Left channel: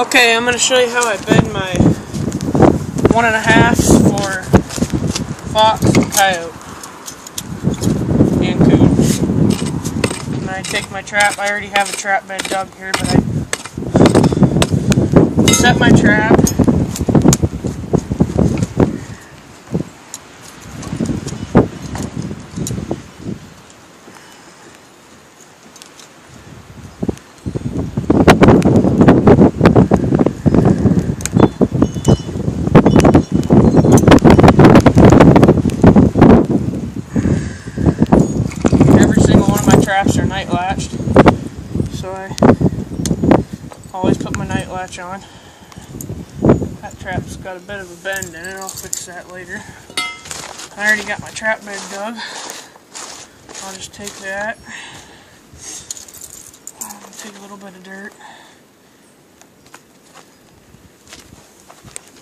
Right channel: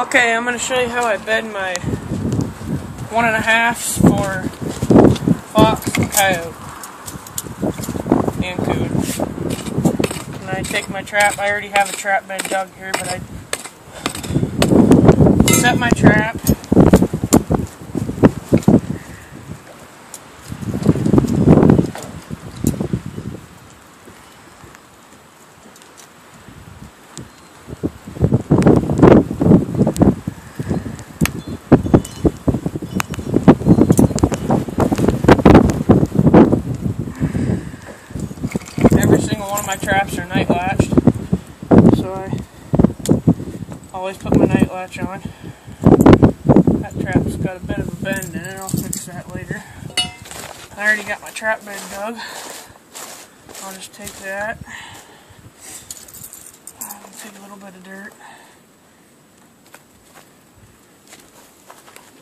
Okay, I'm going to show you how I bed my 1.5 for fox and coyote and coon. And I take my trap. I already have a trap bed dug here, but I set my trap. Every single one of my traps are night latched, so I always put my night latch on. That trap's got a bit of a bend in it, I'll fix that later. I already got my trap bed dug. I'll just take that, take a little bit of dirt,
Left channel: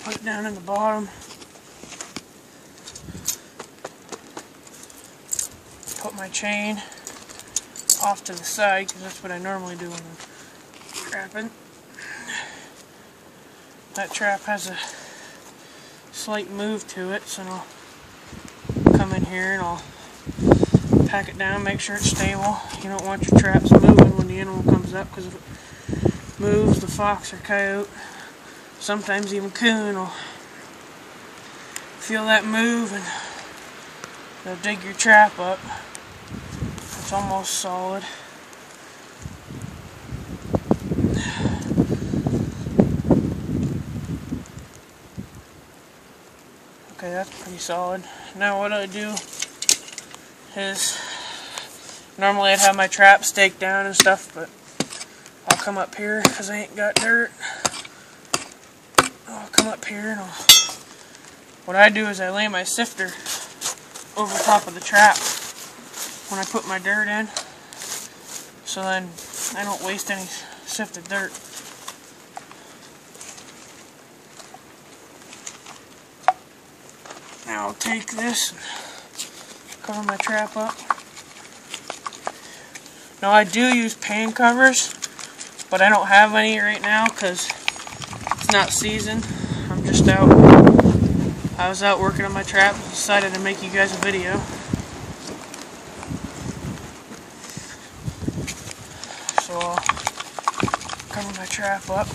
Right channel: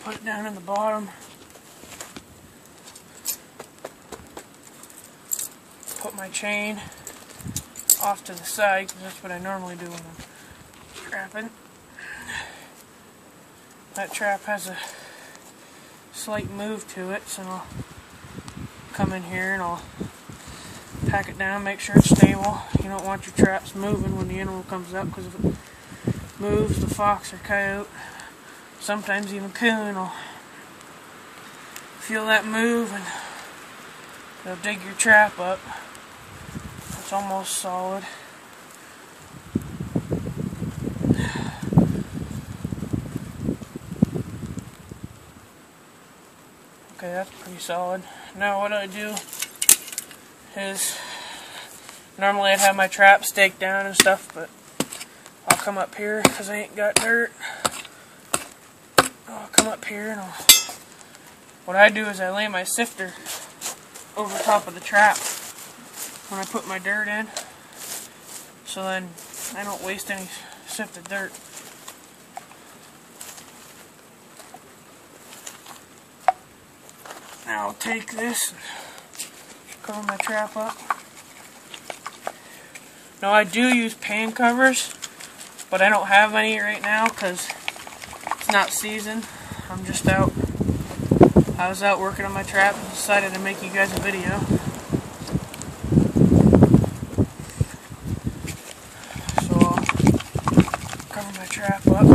put it down in the bottom, put my chain off to the side because that's what I normally do when I'm trapping. That trap has a slight move to it, so I'll come in here and I'll pack it down, make sure it's stable. You don't want your traps moving when the animal comes up, because if it moves, the fox or coyote, sometimes even coon, will feel that move and they'll dig your trap up. It's almost solid. Okay, that's pretty solid. Now what I do is, normally I'd have my trap staked down and stuff, but I'll come up here because I ain't got dirt. I'll come up here and what I do is I lay my sifter over top of the trap when I put my dirt in, so then I don't waste any sifted dirt. Now I'll take this and cover my trap up. Now I do use pan covers, but I don't have any right now because it's not season. I'm just out. I was out working on my trap and decided to make you guys a video. So I'll cover my trap up.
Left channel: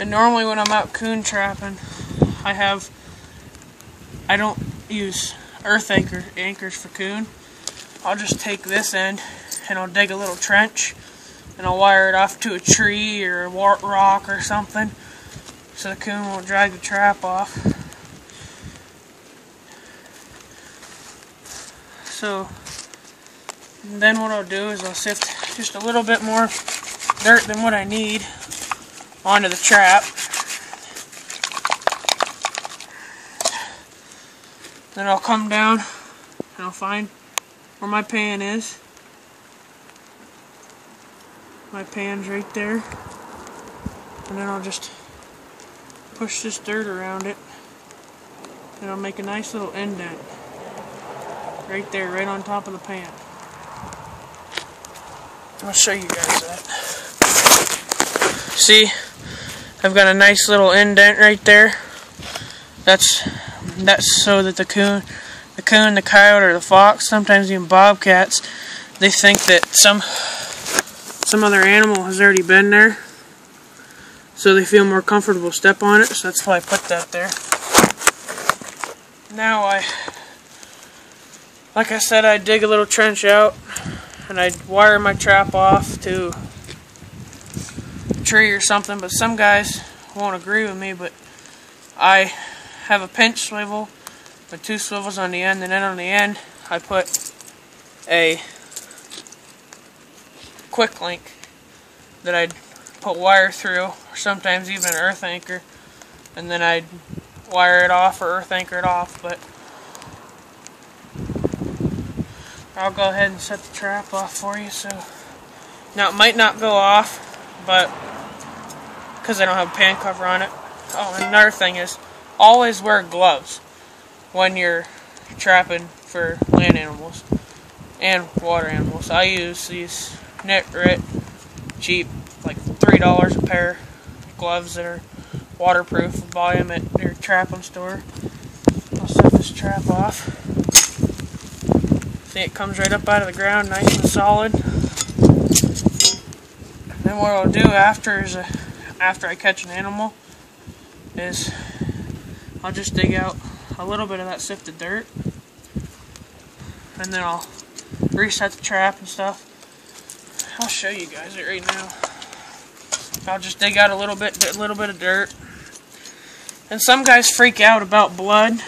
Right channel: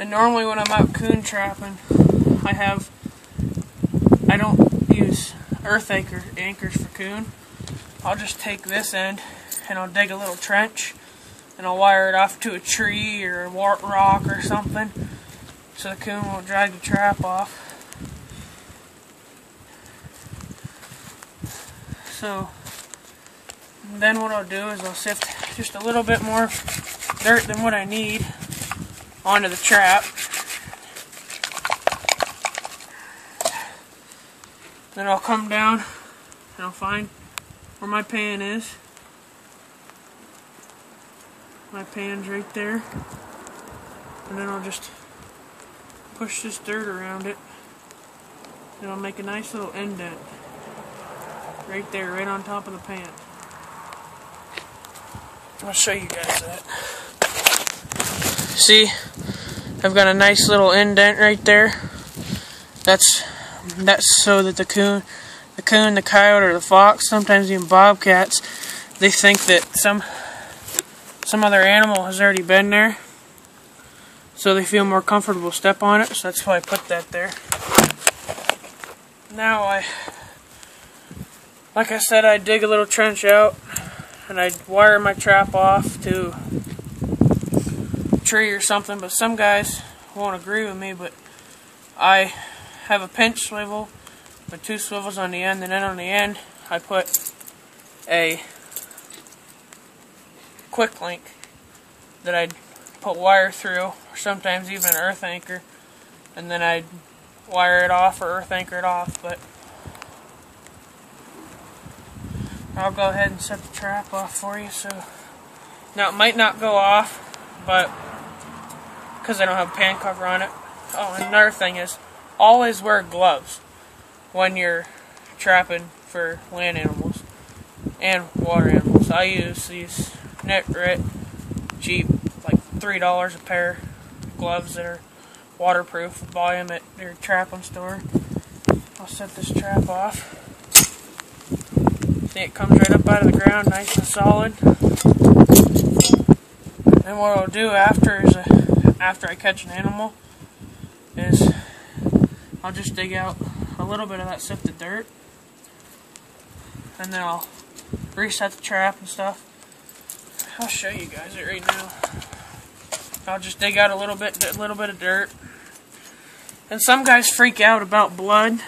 And normally when I'm out coon trapping, I don't use earth anchors for coon. I'll just take this end and I'll dig a little trench and I'll wire it off to a tree or a rock or something so the coon won't drag the trap off. So then what I'll do is I'll sift just a little bit more dirt than what I need onto the trap. Then I'll come down and I'll find where my pan is. My pan's right there. And then I'll just push this dirt around it and I'll make a nice little indent right there, right on top of the pan. I'll show you guys that. See, I've got a nice little indent right there. That's so that the coon, the coyote, or the fox, sometimes even bobcats, they think that some other animal has already been there, so they feel more comfortable step on it. So that's why I put that there. Now like I said, I dig a little trench out and I wire my trap off to a tree or something. But some guys won't agree with me, but I have a pinch swivel with 2 swivels on the end, and then on the end I put a quick link that I'd put wire through, or sometimes even an earth anchor, and then I'd wire it off or earth anchor it off. But I'll go ahead and set the trap off for you. So now it might not go off, but because I don't have a pan cover on it, Oh, and another thing is, always wear gloves when you're trapping for land animals and water animals. I use these net-grit, cheap, like $3 a pair gloves that are waterproof. Buy them at your trapping store. I'll set this trap off. See, it comes right up out of the ground, nice and solid. Then what I'll do after I catch an animal is I'll just dig out a little bit of that sifted dirt, and then I'll reset the trap and stuff. I'll show you guys it right now. I'll just dig out a little bit of dirt. And some guys freak out about blood,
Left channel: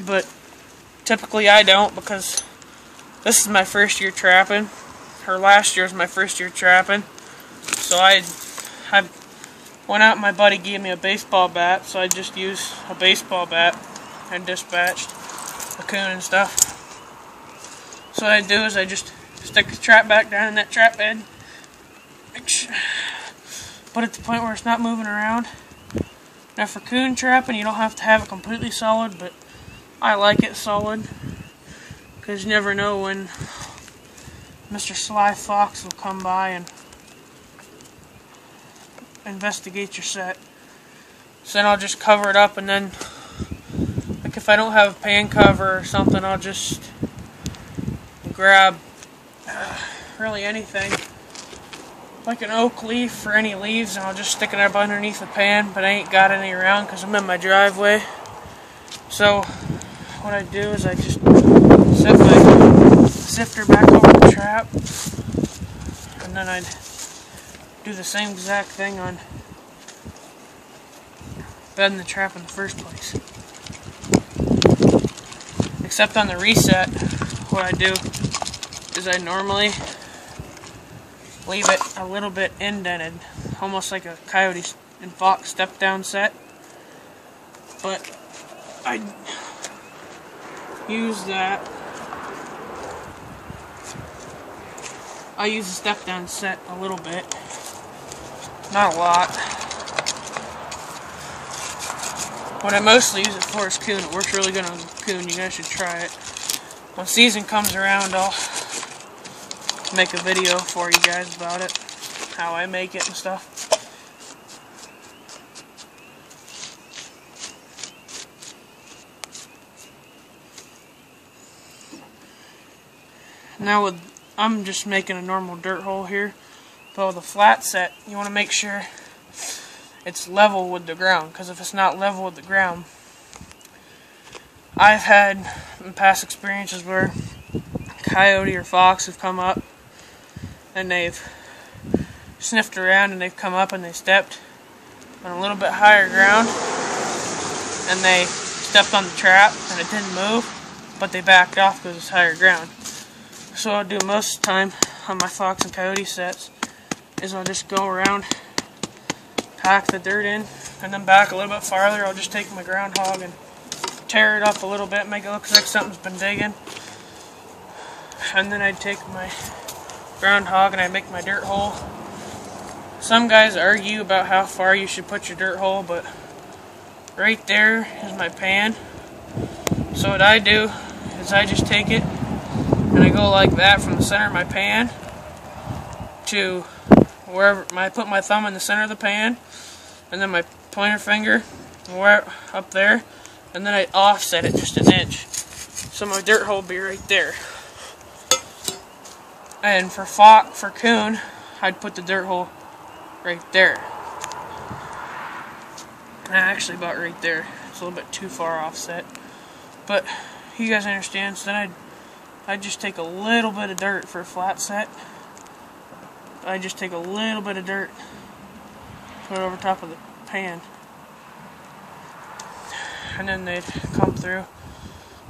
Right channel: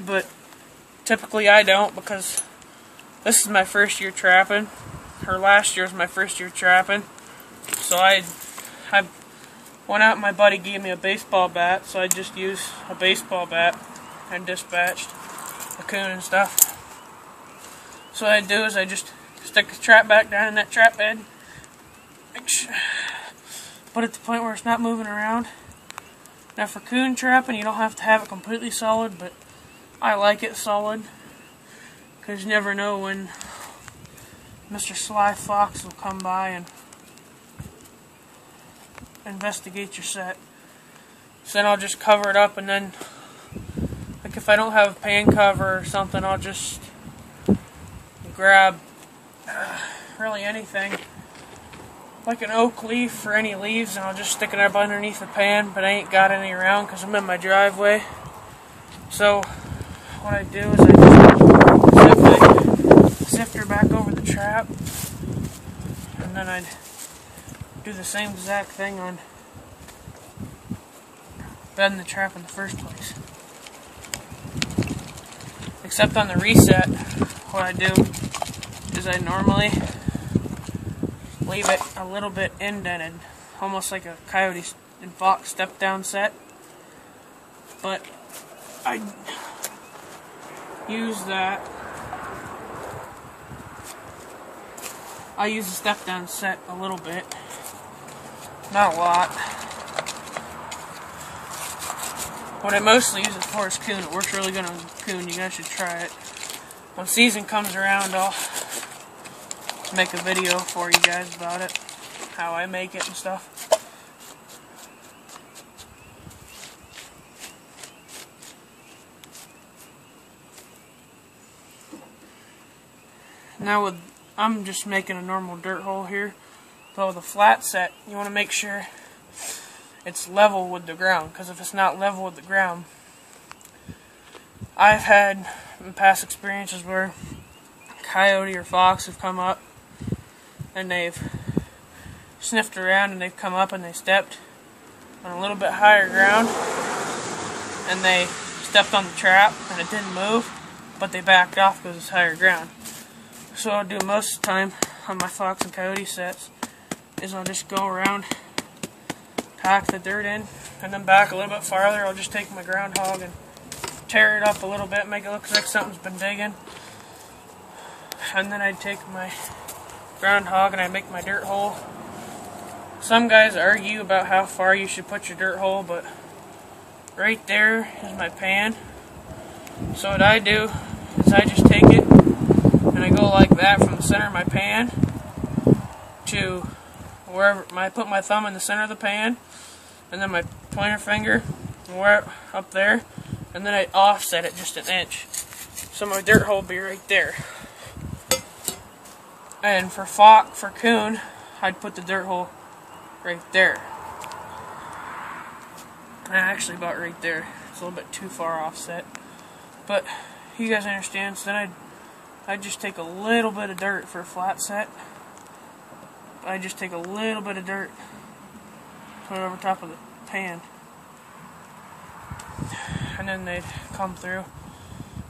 but typically I don't, because this is my first year trapping, or last year was my first year trapping. So I went out and my buddy gave me a baseball bat, so I just used a baseball bat and dispatched a coon and stuff. So what I do is I just stick the trap back down in that trap bed, put it to the point where it's not moving around. Now for coon trapping, you don't have to have it completely solid, but I like it solid, because you never know when Mr. Sly Fox will come by and investigate your set. So then I'll just cover it up, and then, like, if I don't have a pan cover or something, I'll just grab really anything, like an oak leaf or any leaves, and I'll just stick it up underneath the pan, but I ain't got any around because I'm in my driveway. So what I do is I just set my sifter back over the trap, and then I'd do the same exact thing on bedding the trap in the first place. Except on the reset, what I do is I normally leave it a little bit indented, almost like a coyote and fox step down set. But I use that. I use the step down set a little bit. Not a lot. What I mostly use it for is coon. It works really good on coon. You guys should try it. When season comes around, I'll make a video for you guys about it, how I make it and stuff. Now I'm just making a normal dirt hole here, but with a flat set, you want to make sure it's level with the ground, because if it's not level with the ground, I've had in past experiences where coyote or fox have come up and they've sniffed around and they've come up and they stepped on a little bit higher ground and they stepped on the trap and it didn't move, but they backed off because it's higher ground. So what I'll do most of the time on my fox and coyote sets is I'll just go around, pack the dirt in, and then back a little bit farther. I'll just take my groundhog and tear it up a little bit, make it look like something's been digging. And then I'd take my groundhog and I'd make my dirt hole. Some guys argue about how far you should put your dirt hole, but right there is my pan. So what I do is I just take it and I go like that from the center of my pan to wherever I put my thumb in the center of the pan, and then my pointer finger up there, and then I offset it just an inch. So my dirt hole will be right there. And for coon, I'd put the dirt hole right there. Actually about right there. It's a little bit too far offset. But you guys understand, so then I'd just take a little bit of dirt for a flat set. I just take a little bit of dirt, put it over top of the pan, and then they'd come through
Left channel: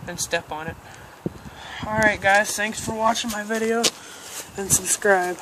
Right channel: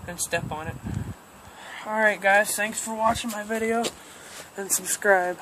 and step on it. Alright guys, thanks for watching my video, and subscribe.